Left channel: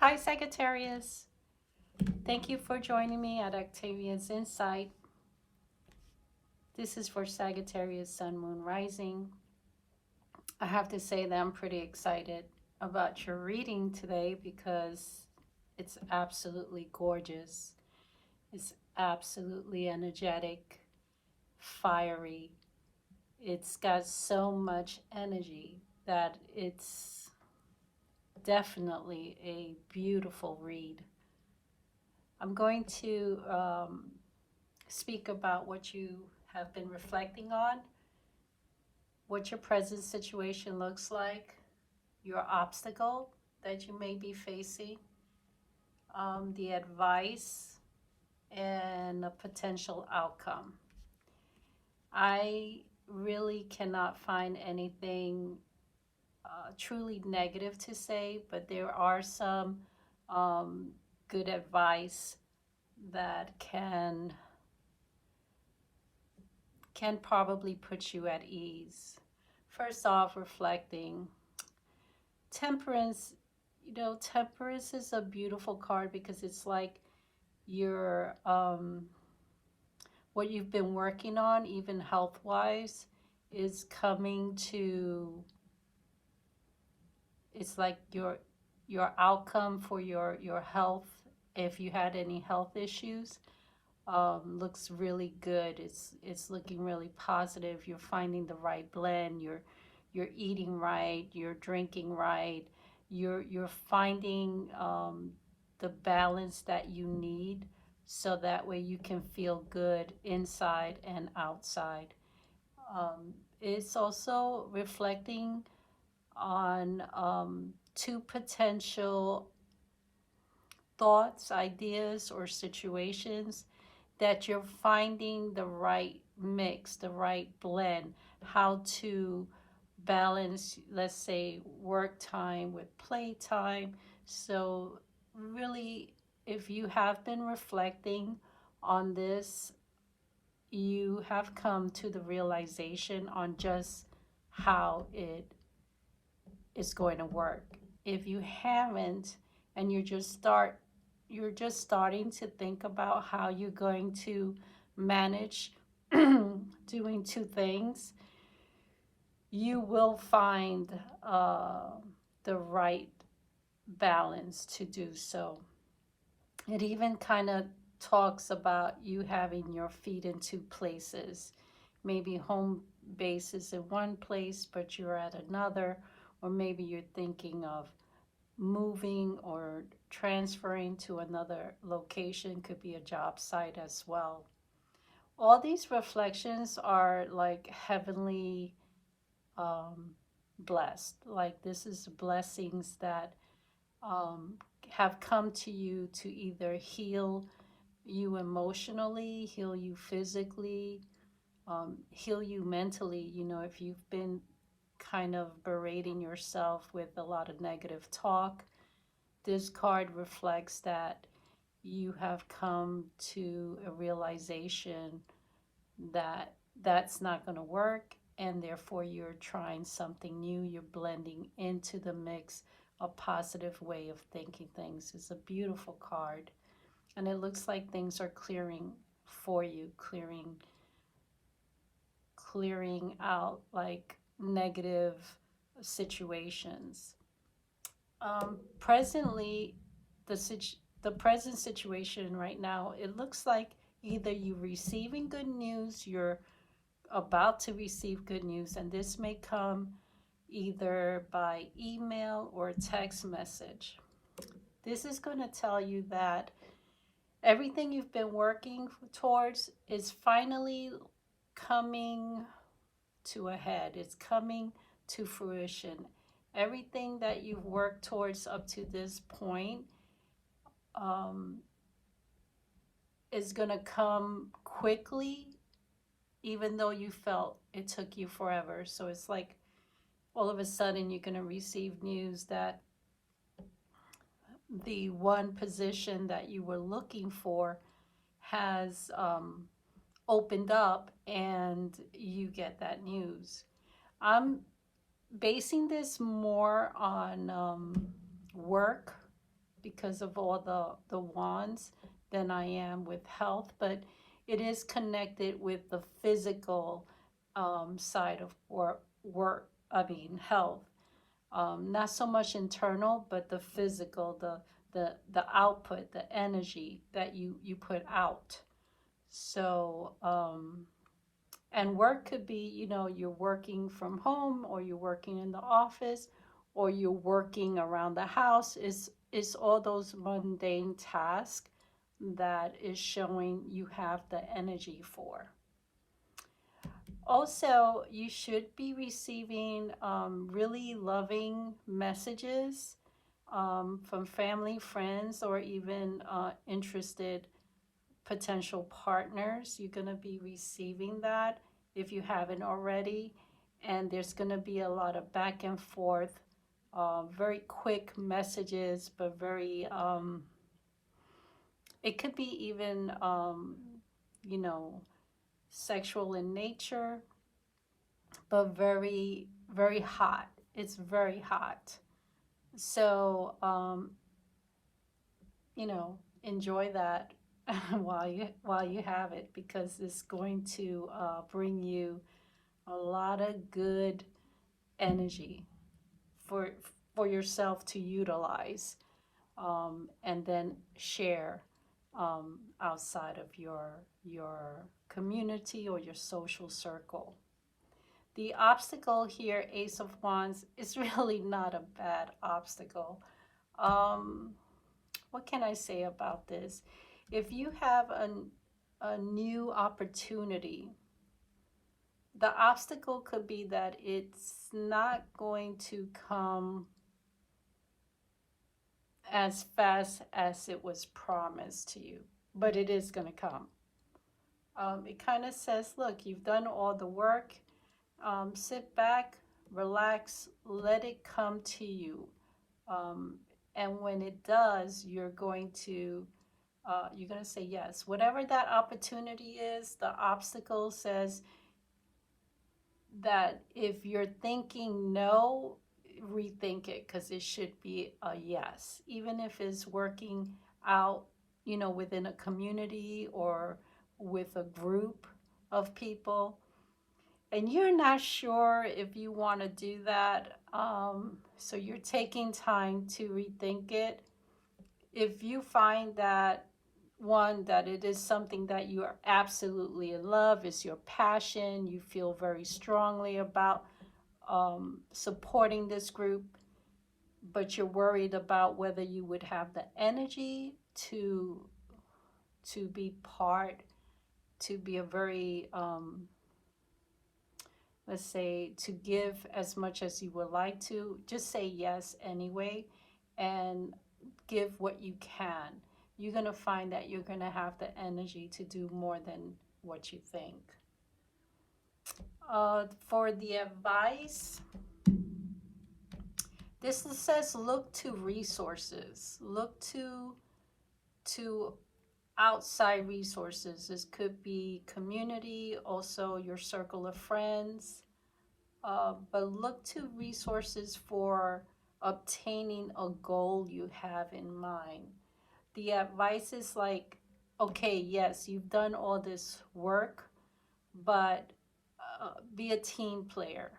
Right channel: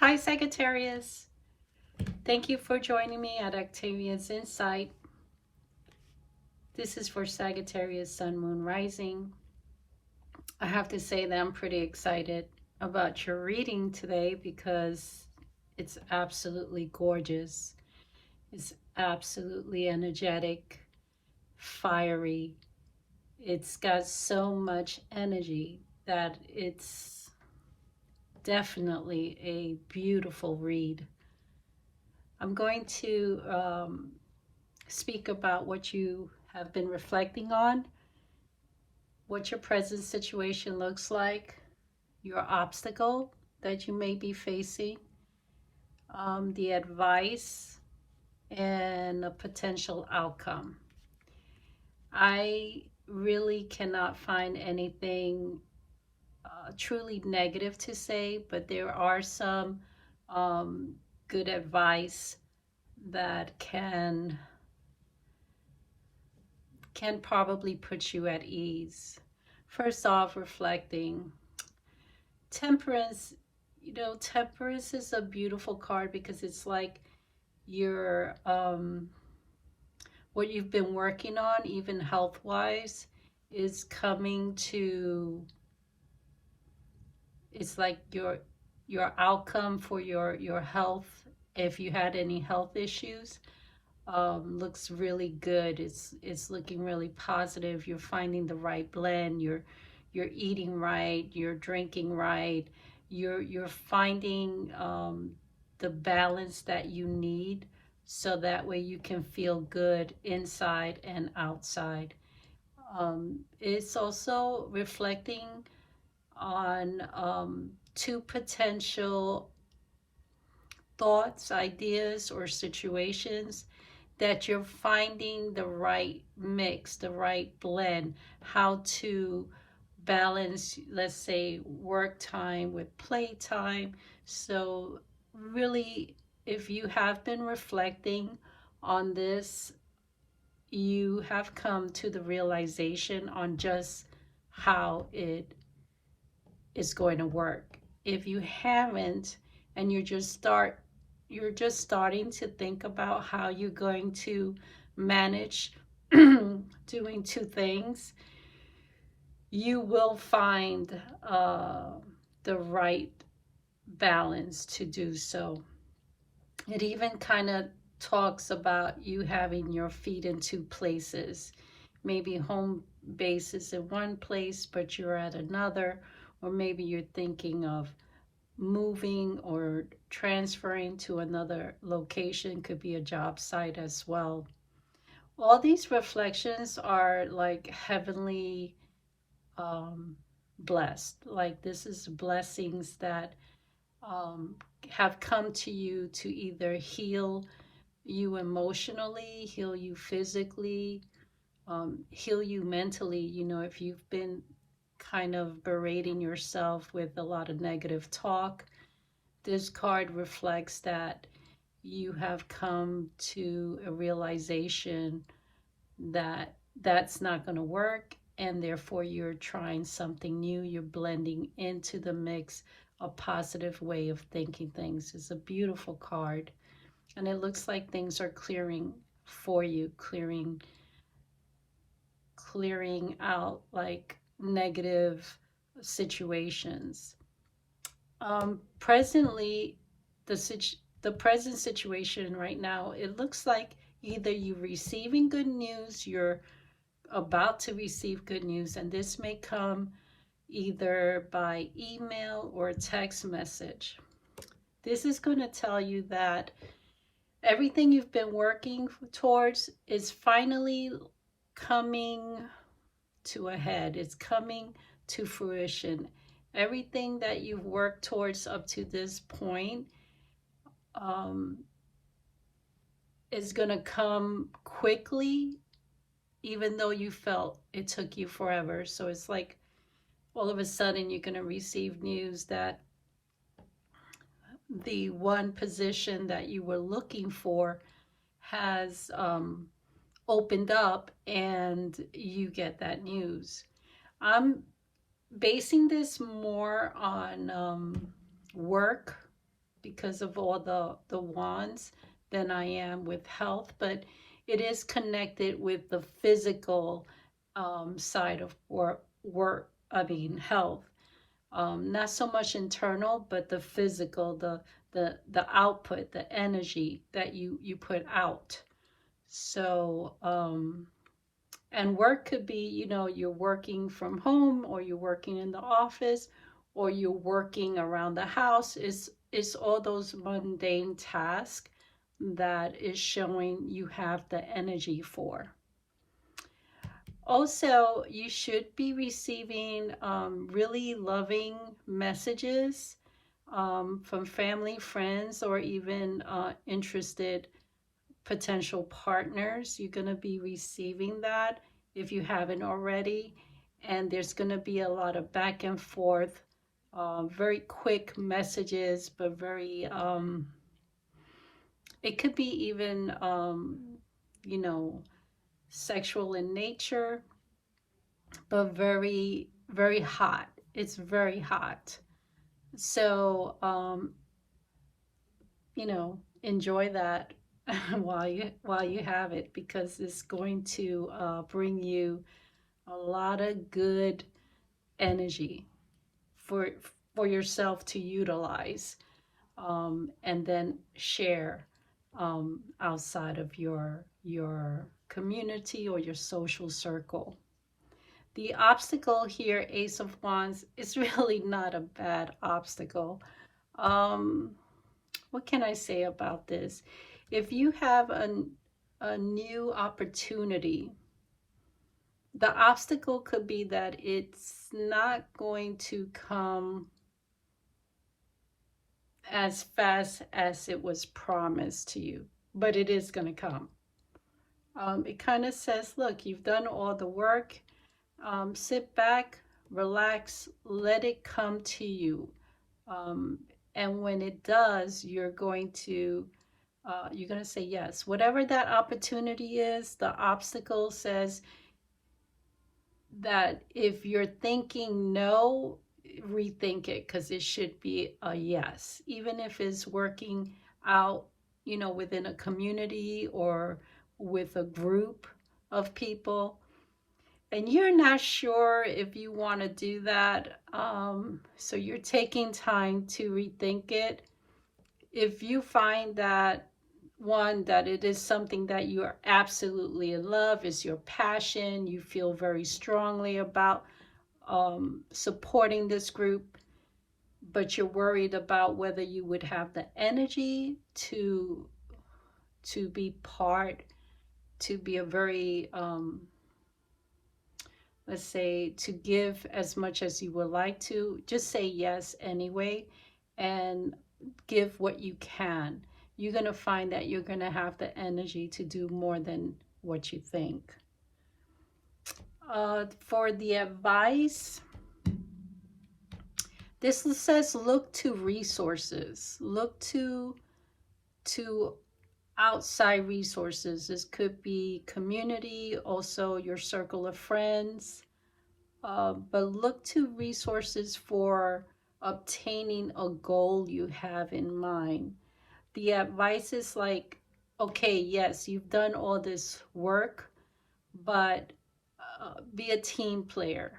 Hi, Sagittarius. Thank you for joining me at Octavia's Insight. This is for Sagittarius Sun, Moon, Rising. I have to say that I'm pretty excited about your reading today because it's absolutely gorgeous. It's absolutely energetic, fiery. It's got so much energy that it's definitely a beautiful read. I'm going to speak about what you have been reflecting on, what your present situation looks like, your obstacle that you may be facing, the advice, and a potential outcome. I really cannot find anything truly negative to say, but there are some um, good advice that can probably put you at ease. First off, reflecting. Temperance, Temperance is a beautiful card because it's like your what you've been working on, even health wise, is coming to it's like your outcome for your health. If you had any health issues, looks really good. It's looking really positive. You're finding the right blend. You're eating right. You're drinking right. You're finding the balance that you need, so that way you can feel good inside and outside. It's also reflecting on two potential thoughts, ideas, or situations that you're finding the right mix, the right blend, how to balance, let's say, work time with play time. So, really, if you have been reflecting on this, you have come to the realization on just how it is going to work. If you haven't, and you're just starting to think about how you're going to manage doing two things, you will find the right balance to do so. It even kind of talks about you having your feet in two places, maybe home base is in one place, but you're at another, or maybe you're thinking of moving or transferring to another location, could be a job site as well. All these reflections are like heavenly um, blessed. Like this is blessings that um, have come to you to either heal you emotionally, heal you physically, heal you mentally. If you've been kind of berating yourself with a lot of negative talk, this card reflects that you have come to a realization that that's not going to work, and therefore you're trying something new. You're blending into the mix a positive way of thinking things. It's a beautiful card, and it looks like things are clearing for you, clearing out like negative situations. Presently, the present situation right now, it looks like either you're receiving good news, you're about to receive good news, and this may come either by email or text message. This is going to tell you that everything you've been working towards is finally coming to a head. It's coming to fruition. Everything that you've worked towards up to this point um, is going to come quickly, even though you felt it took you forever. So it's like all of a sudden you're going to receive news that the one position that you were looking for has opened up, and you get that news. I'm basing this more on work because of all the wands than I am with health, but it is connected with the physical side of work. I mean, health. Not so much internal, but the physical, the output, the energy that you put out. So, and work could be, you're working from home, or you're working in the office, or you're working around the house. It's all those mundane tasks that is showing you have the energy for. Also, you should be receiving really loving messages from family, friends, or even interested potential partners. You're going to be receiving that if you haven't already. And there's going to be a lot of back and forth, very quick messages, but very, it could be even, you know, sexual in nature, but very, very hot. It's very hot. So, enjoy that while you have it, because it's going to bring you a lot of good energy for for yourself to utilize, and then share outside of your community or your social circle. The obstacle here, Ace of Wands, is really not a bad obstacle. Um, what can I say about this? If you have a new opportunity, the obstacle could be that it's not going to come as fast as it was promised to you, but it is going to come. It kind of says, look, you've done all the work. Sit back, relax, let it come to you. Um, and when it does, you're going to say yes. Whatever that opportunity is, the obstacle says that if you're thinking no, rethink it, because it should be a yes. Even if it's working out, within a community or with a group of people, and you're not sure if you want to do that, so you're taking time to rethink it. If you find that, one, that it is something that you are absolutely in love, is your passion, you feel very strongly about supporting this group, but you're worried about whether you would have the energy to be part, to be a very, let's say, to give as much as you would like to, just say yes anyway, and give what you can. You're going to find that you're going to have the energy to do more than what you think. For the advice, this says look to resources. Look to outside resources. This could be community, also your circle of friends. But look to resources for obtaining a goal you have in mind. The advice is like, okay, yes, you've done all this work, but be a team player.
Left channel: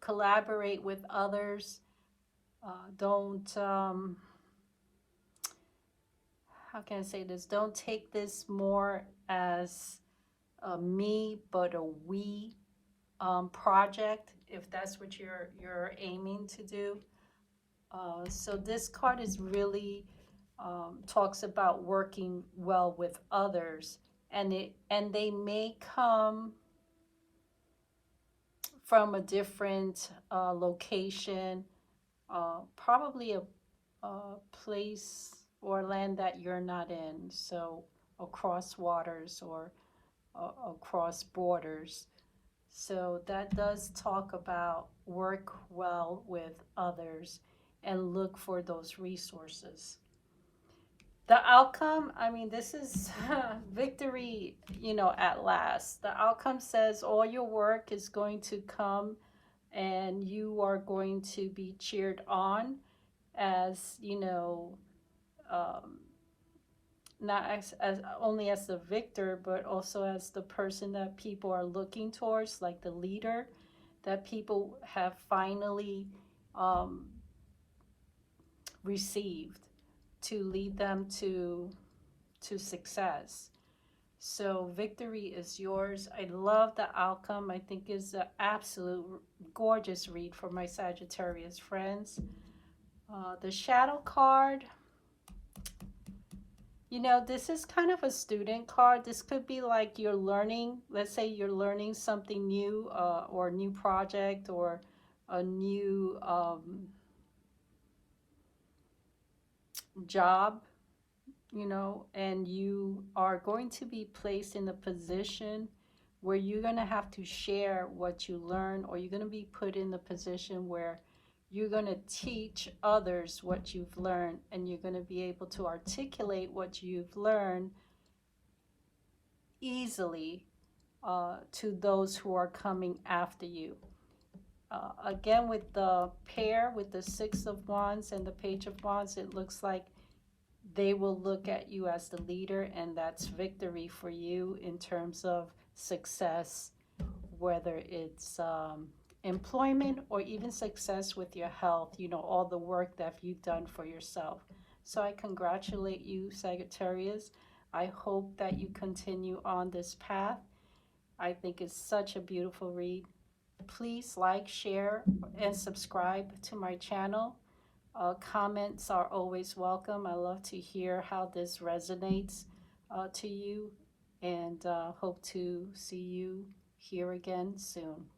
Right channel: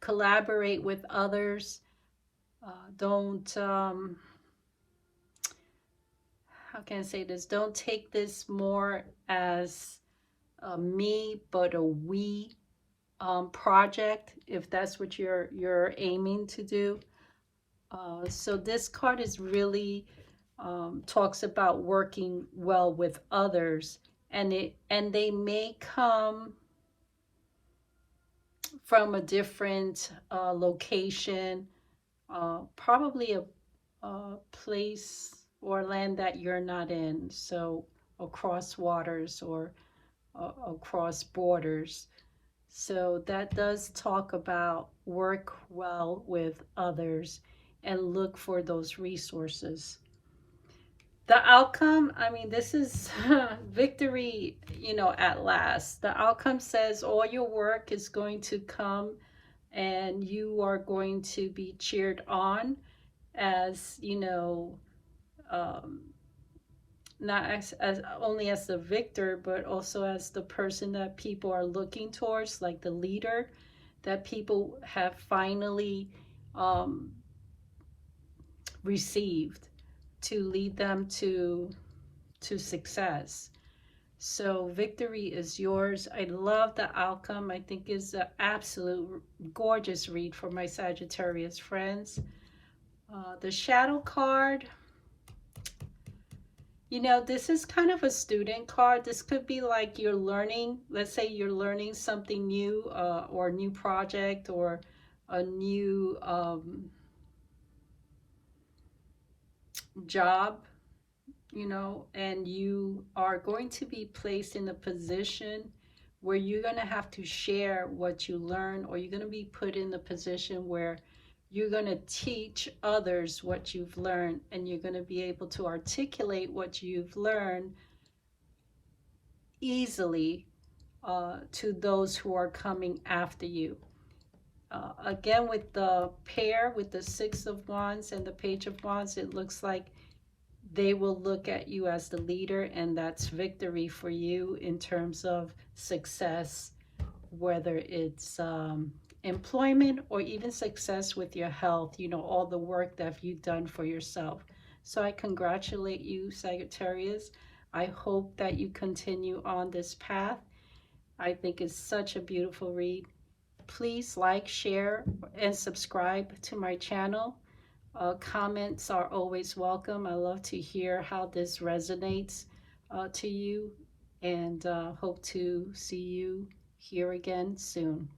Collaborate with others. Don't, how can I say this? Don't take this more as a me, but a we project, if that's what you're aiming to do. So this card is really talks about working well with others, and they may come from a different location, probably a place or land that you're not in, so across waters or across borders. So that does talk about work well with others and look for those resources. The outcome, I mean, this is victory, at last. The outcome says all your work is going to come, and you are going to be cheered on, as, you know, um, not as only as the victor, but also as the person that people are looking towards, like the leader that people have finally um, received to lead them to success. So victory is yours. I love the outcome. I think is an absolute gorgeous read for my Sagittarius friends. The shadow card, you know, this is kind of a student card. This could be like you're learning, let's say you're learning something new, or a new project, or a new job, you know, and you are going to be placed in a position where you're going to have to share what you learn, or you're going to be put in the position where you're going to teach others what you've learned, and you're going to be able to articulate what you've learned easily to those who are coming after you. Again, with the pair, with the Six of Wands and the Page of Wands, it looks like they will look at you as the leader, and that's victory for you in terms of success, whether it's employment or even success with your health, you know, all the work that you've done for yourself. So I congratulate you, Sagittarius. I hope that you continue on this path. I think it's such a beautiful read. Please like, share, and subscribe to my channel. Comments are always welcome. I love to hear how this resonates to you, and hope to see you here again soon.